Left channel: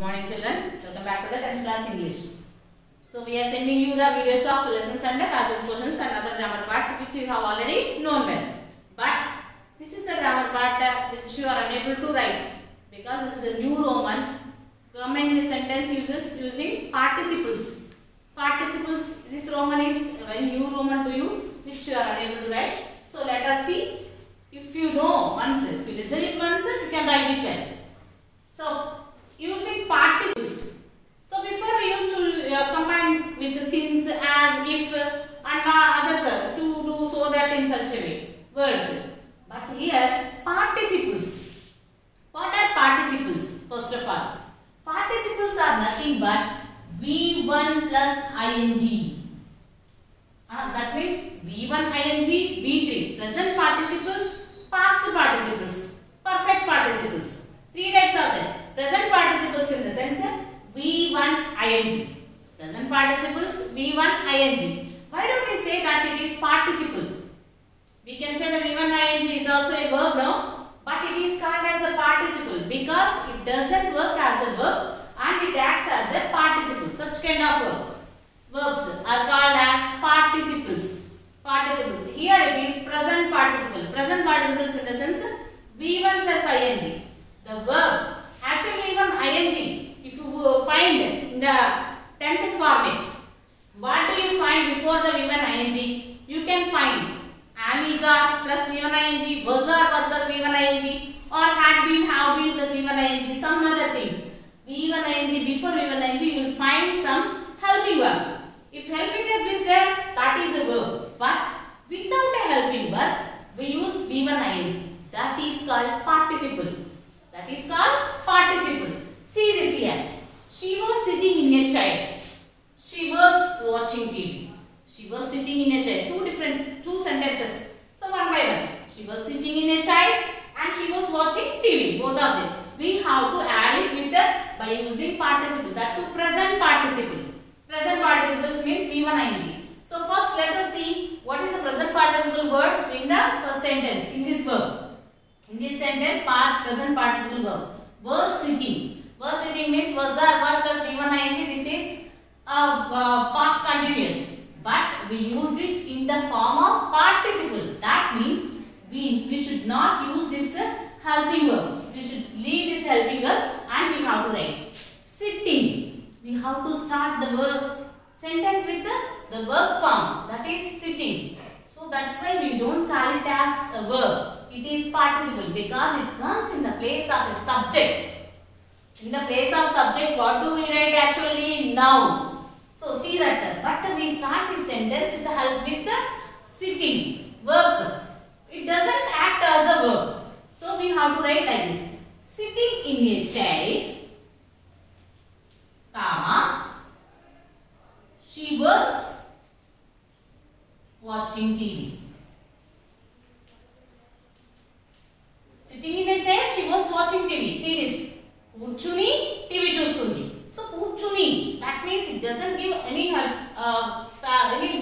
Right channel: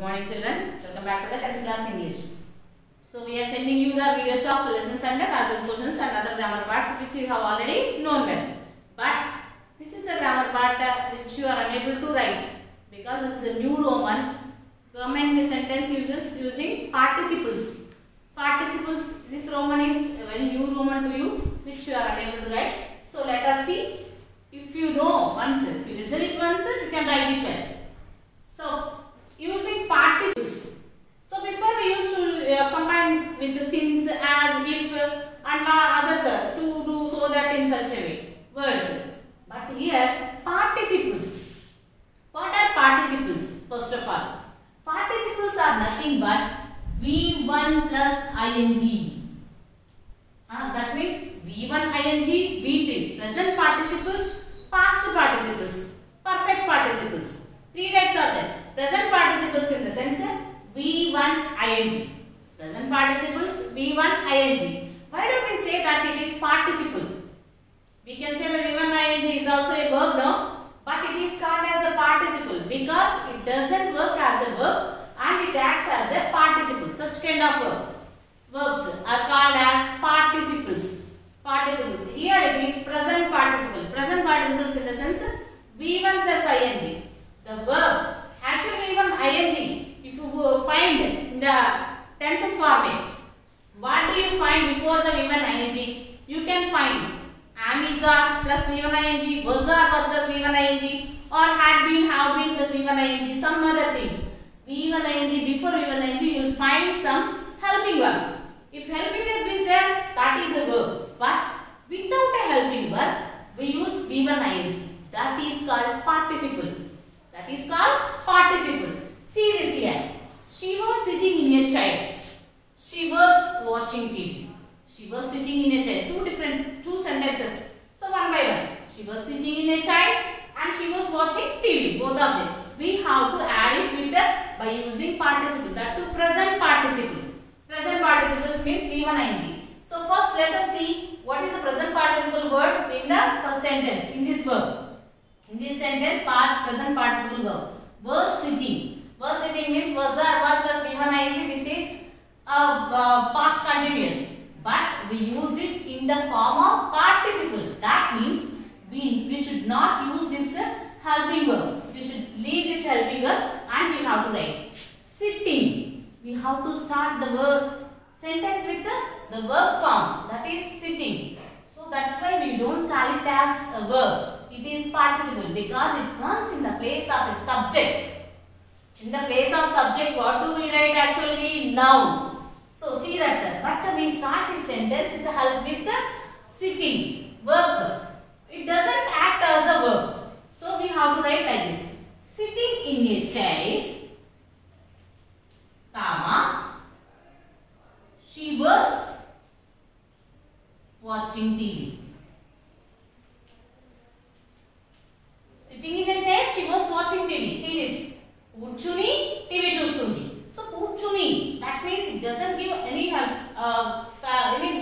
morning children, welcome back to the 10th class English. So we are sending you the videos of lessons and passage questions and other grammar part which you have already known well. But this is a grammar part which you are unable to write because this is a new Roman. Commenting the sentence uses using participles. Participles, this Roman is a very new Roman to you which you are unable to write. So let us see. If you know once, if you listen it once, you can write it well. So using participles. So before we used to combine with the since, as, if and others to do so that in such a way words. But here participles. What are participles? First of all, participles are nothing but V1 plus ing. That means V1 ing, V3. Present participles, past participles, perfect participles. Three types are there. Present participles in the sense V1 ing. Present participles V1 ing. Why do we say that it is participle? We can say that V1 ing is also a verb now, but it is called as a participle because it doesn't work as a verb and it acts as a participle. Such kind of verbs are called as participles. Participles. Here it is present participle. Present participles in the sense V1 plus ing. The verb actually V1 ing. If you find in the tenses format, what do you find before the V1 ing? You can find am, is, are plus V1 ing, was, are, were plus V1 ing, or had been, have been plus V1 ing, some other things. V1 ing, before V1 ing, you will find some helping verb. If helping verb is there, that is a verb. But without a helping verb, we use V1 ing. That is called participle. That is called participle. See this here. She was sitting in a chair. She was watching TV. She was sitting in a chair. Two sentences. So one by one. She was sitting in a chair and she was watching TV. Both of them. We have to add it with by using participle. That to present participle. Present participles means V1 ing. So first let us see what is the present participle word in the first sentence in this verb. In this sentence, present participle verb. Was sitting. Was sitting means was, are, were plus V1 ing. This is past continuous. But we use it in the form of participle. That means we should not use this helping verb. We should leave this helping verb and we have to write sitting. We have to start the verb sentence with the verb form. That is sitting. So that's why we don't call it as a verb. It is participle because it comes in the place of a subject. In the place of subject, what do we write actually? Noun. So see that. But we start this sentence with the help with the sitting verb. It doesn't act as a verb. So we have to write like this. Sitting in a chair, comma, she was watching TV. Sitting in a chair, she was watching TV. See this. Kurchuni, TV chustundi. So kurchuni, that means it doesn't give any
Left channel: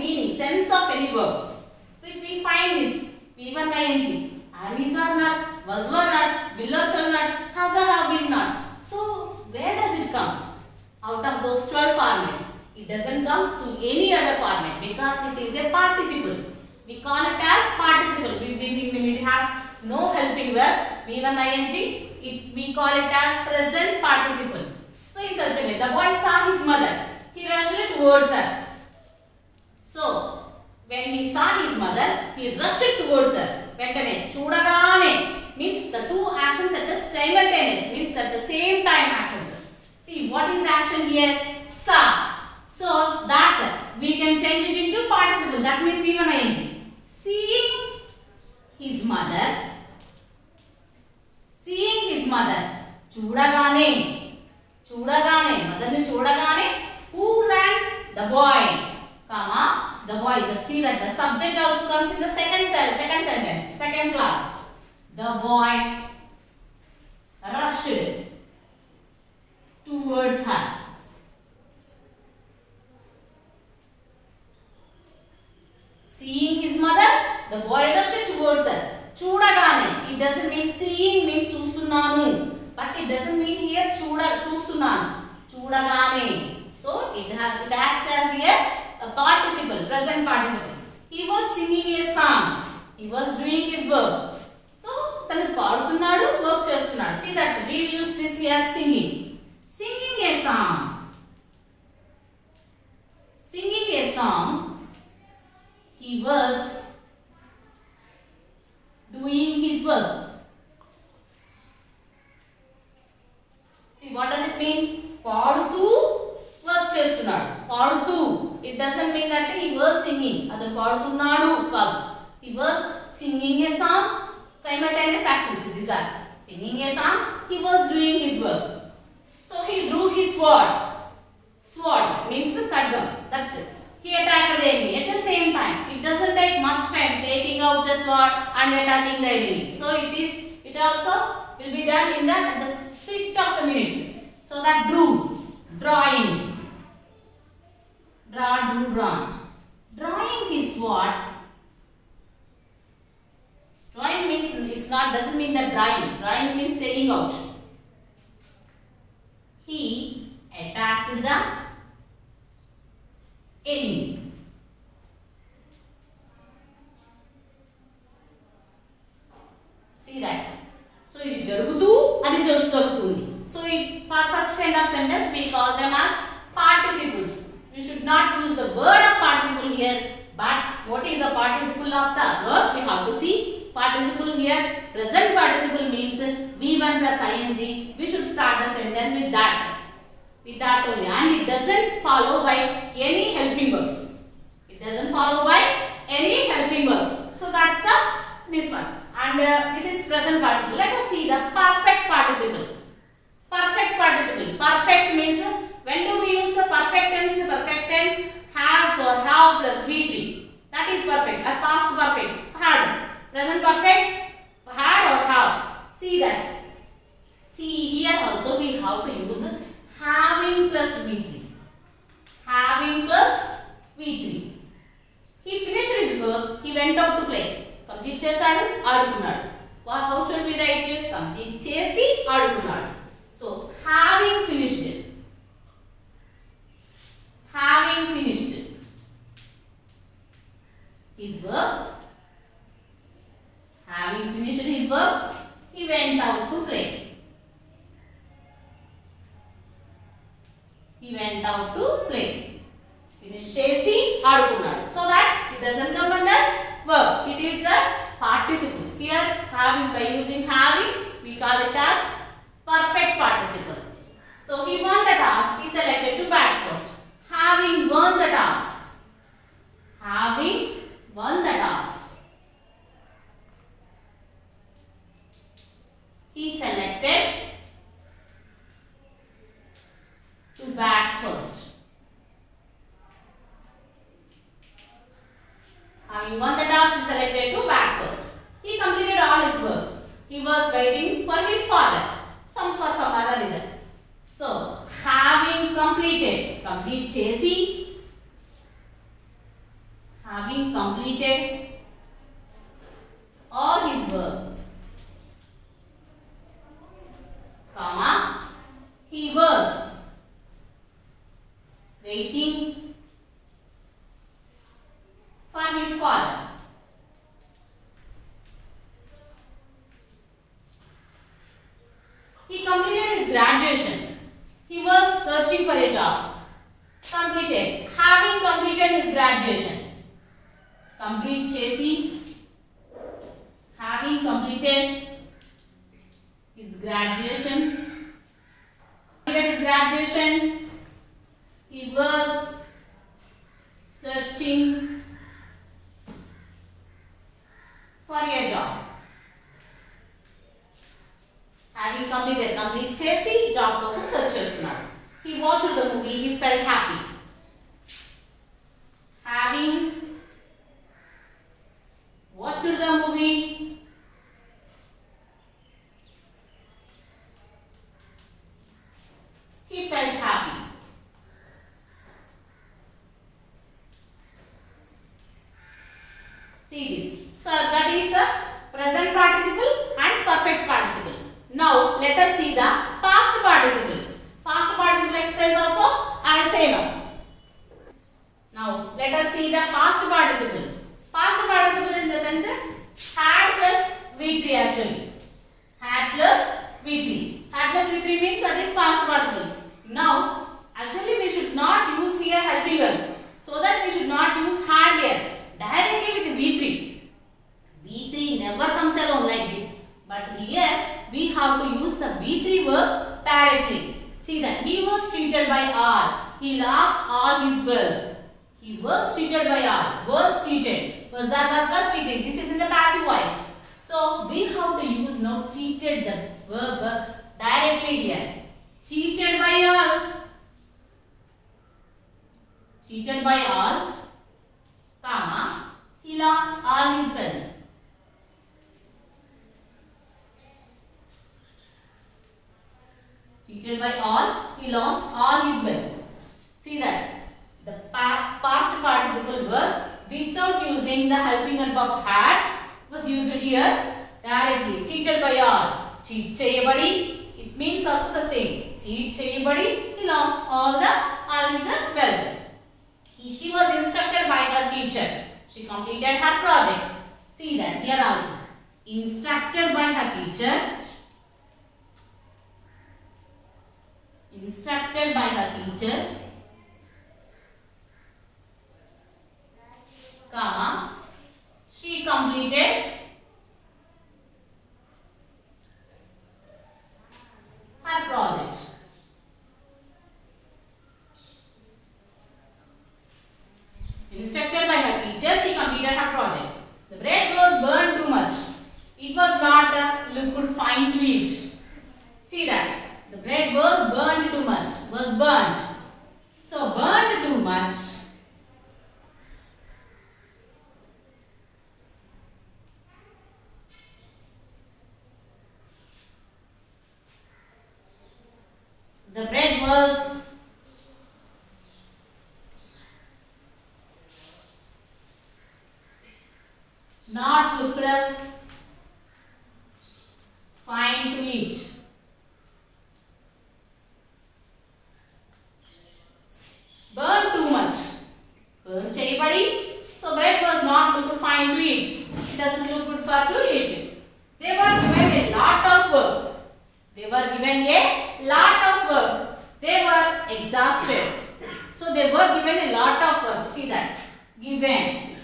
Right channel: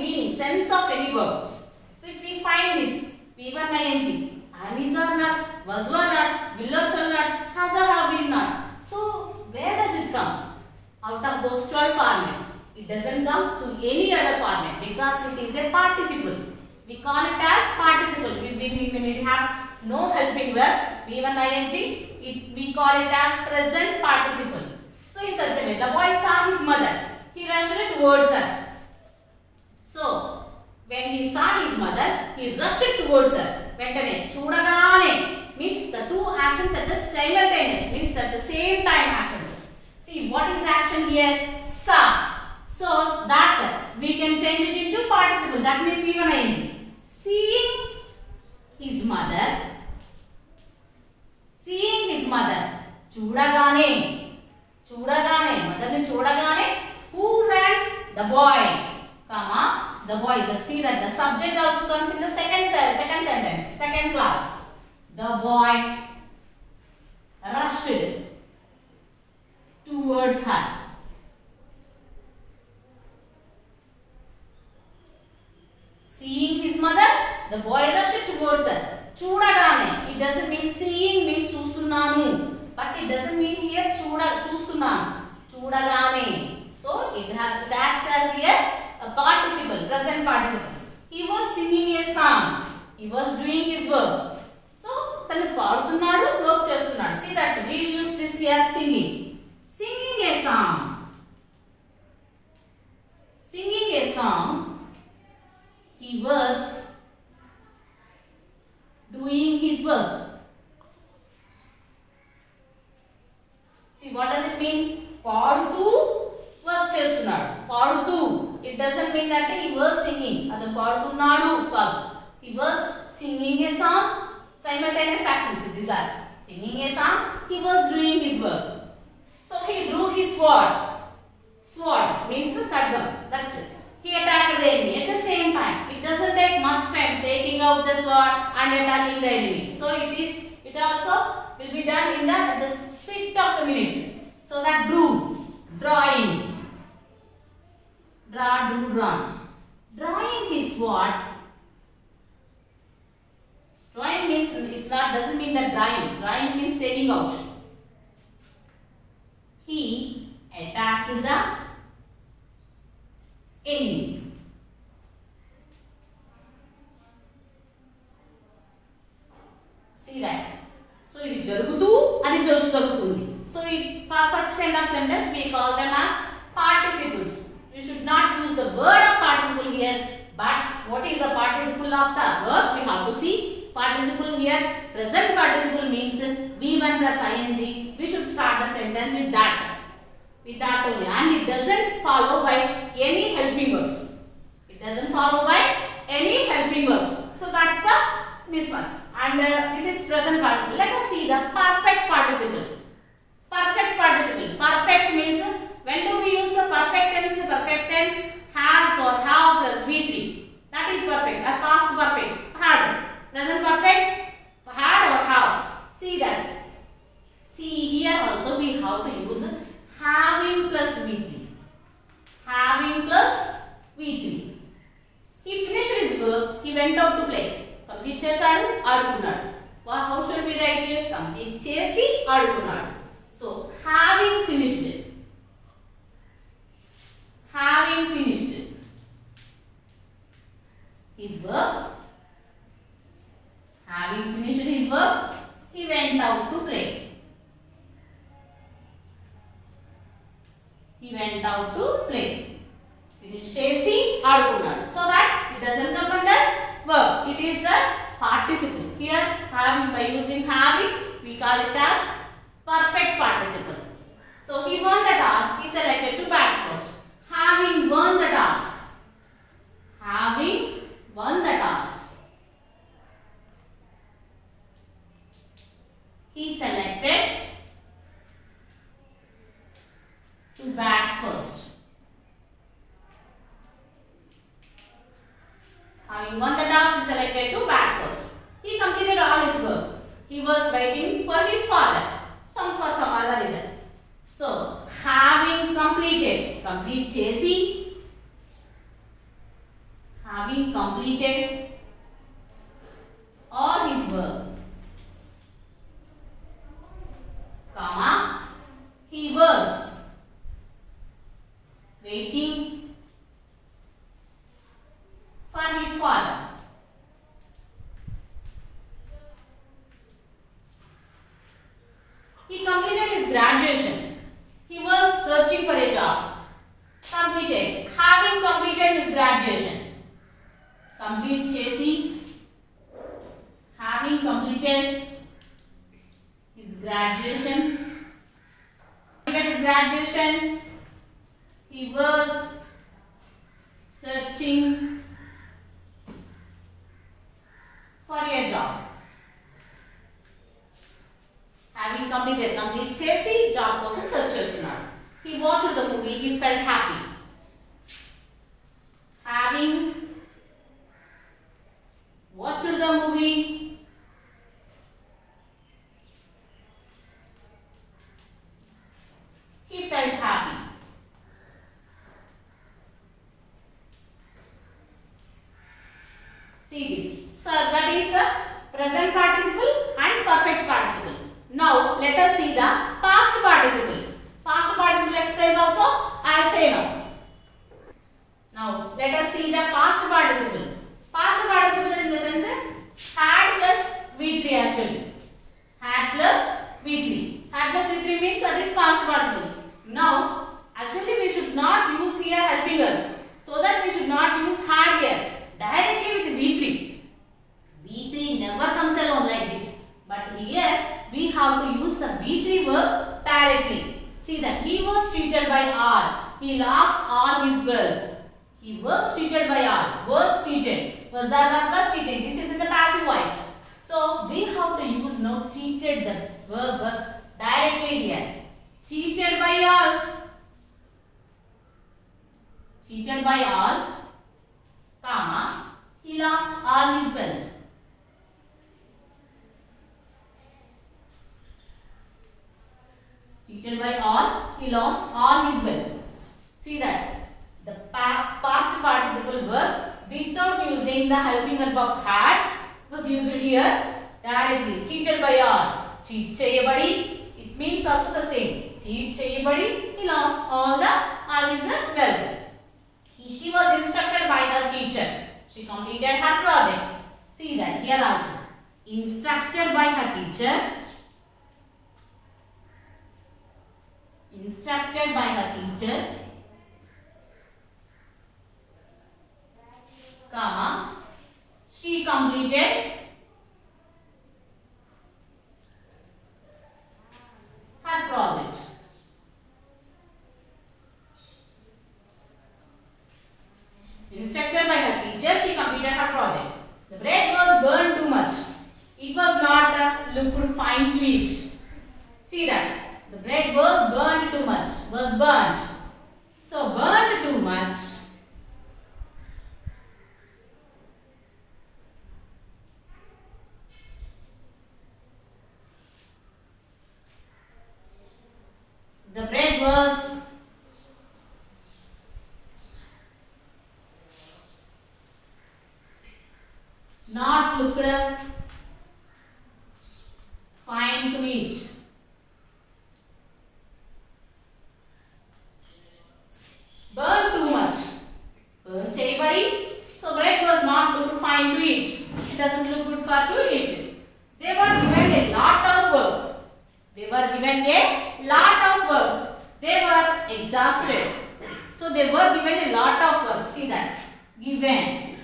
meaning, sense of any verb. So if we find this, V1 ing, am, is, are not, was, were not, will or shall not, has or have been not. So where does it come? Out of those 12 formats. It doesn't come to any other format because it is a participle. We call it as participle. When it has no helping verb, V1 ing, we call it as present participle. So in such a way, the boy saw his mother. He rushed towards her. So when he saw his mother, he rushed towards her. Ventane, chudagane means the two actions at the simultaneous, means at the same time actions. See what is action here? Saw. So that we can change it into participle. That means V1 ing. Seeing his mother. Seeing his mother. Chudagane. Chudagane. Mother ne chudagane. Who ran? The boy. Comma. The boy. See that the subject also comes in the second sentence. Second class. The boy rushed towards her. Seeing his mother, the boy rushed towards her. Chudagane. It doesn't mean seeing means chustunnanu. But it doesn't mean here చూస్తున్నాను చూస్తున్నాను, చూడగానే. So it acts as a participle, present participle. He was singing a song. He was doing his work. So తను పాడుతున్నాడు, work చేస్తున్నాడు. See that we use this here, singing. Singing a song. Singing a song. He was doing his work. See, what does it mean? పాడుతూ work చేస్తున్నాడు. పాడుతూ. It doesn't mean that he was singing. అతను పాడుతున్నాడు కాదు. He was singing a song. Simultaneous actions. These are singing a song. He was doing his work. So he drew his sword. Sword means khadgam. That's it. He attacked the enemy at the same time. It doesn't take much time taking out the sword and attacking the enemy. So it also will be done in the split of the minutes. So that drawing. Draw, do, draw. Drawing his sword. Drawing means doesn't mean that drawing. Drawing means taking out. He attacked the enemy. See that? So ఇది జరుగుతూ అని జరుగుతుంది. So for such kind of sentence we call them as participles. You should not use the word of participle here, but what is the participle of the verb? We have to see. Participle here, present participle means V1 plus ing. We should start the sentence with that. With that only, and it doesn't follow by any helping verbs. It doesn't follow by any helping verbs. So that's this one. And this is present participle. Let us see the perfect participle. Perfect participle. Perfect means when do we use the perfect tense? Perfect tense has or have plus V3. That is perfect. Or past perfect. Had. Present perfect. Had or have. See that. See here also we have to use having plus V3. Having plus V3. He finished his work. He went out to play. Complete చేసాడు, ఆడుకున్నాడు. How should we write it? Complete చేసి ఆడుకున్నాడు. So having finished. Having finished his work. Having finished his work, he went out to play. He went out to play. Finish చేసి ఆడుకున్నాడు. So that it doesn't come under verb. It is a participle. Here having, by using having, we call it as perfect participle. So he won the task. He selected to bat first. Having won the task. Having won the task. He selected to bat first. Having won the task, he selected to bat first. He completed all his work. He was waiting for his father. For some other reason. So, having completed. Complete chesi. Having completed all his work. Comma. He was waiting for his father. He completed his graduation. He was searching for a job. Completed. Having completed his graduation. Complete chesi. Having completed his graduation. Completed his graduation. He was searching for a job. Having completed, complete chesi, job కోసం search చేస్తున్నాడు. He watched the movie. He felt happy. Having watched the movie, he felt happy. See this. So that is a present participle and perfect participle. Now let us see the past participle. Past that is past participle. Now, actually we should not use here helping us. So that we should not use had here. Directly with V3. V3 never comes alone like this. But here we have to use the V3 verb directly. See that he was cheated by all. He lost all his wealth. He was cheated by all. Was cheated. Was that plus cheated? This is in the passive voice. So we have to use now cheated the verb directly here. Cheated by all. Cheated by all, comma, he lost all his wealth. Cheated by all, he lost all his wealth. See that the past participle verb without using the helping verb of had was used here directly. Cheated by all. Cheat cheyabadi. It means also the same. Cheat cheyabadi. He lost all his wealth. She was instructed by her teacher. She completed her project. See that here also. Instructed by her teacher. Instructed by her teacher. Comma. She completed her project. Instructed by her teacher, she completed her project. The bread was burned too much. It was not looked fine to eat. See that. The bread was burned too much. Was burnt. So burned too much. The bread was not looked fine to eat. Burn too much. Burn cheyabadi. So bread was not looked fine to eat. It doesn't look good for to eat. They were given a lot of work. They were given a lot of work. They were exhausted. So they were given a lot of work. See that. Given.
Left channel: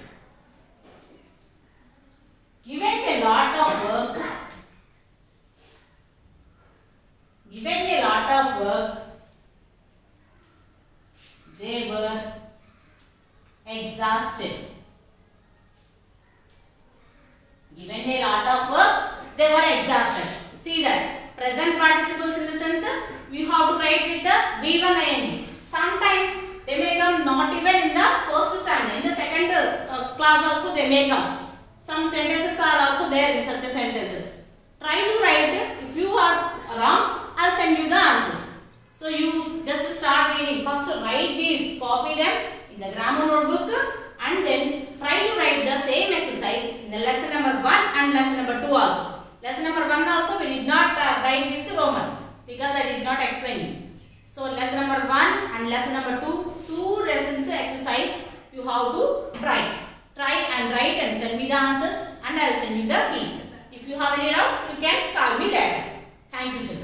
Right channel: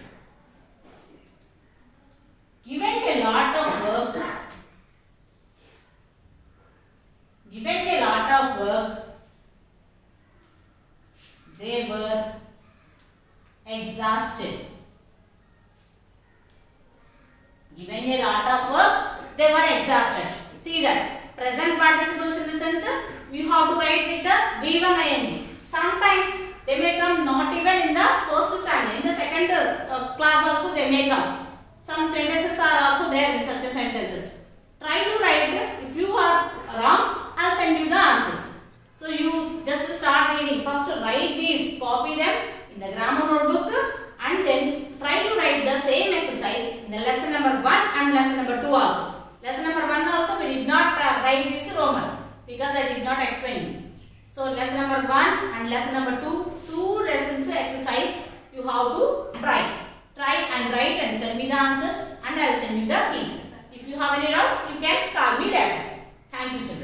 Given a lot of work. Given a lot of work. They were exhausted. Given a lot of work, they were exhausted. See that present participles in the sense we have to write with the V1 ing. Sometimes they may come not even in the first stanza. In the second class also they may come. Some sentences are also there in such a sentences. Try to write. If you are wrong, I'll send you the answers. So you just start reading. First write these, copy them in the grammar notebook and then try to write the same exercise in the lesson number 1 and lesson number 2 also. Lesson number 1 also we did not write this Roman because I did not explain you. So lesson number 1 and lesson number 2 lessons exercise you have to try. Try and write and send me the answers and I will send you the key. If you have any doubts, you can call me later. Thank you, children.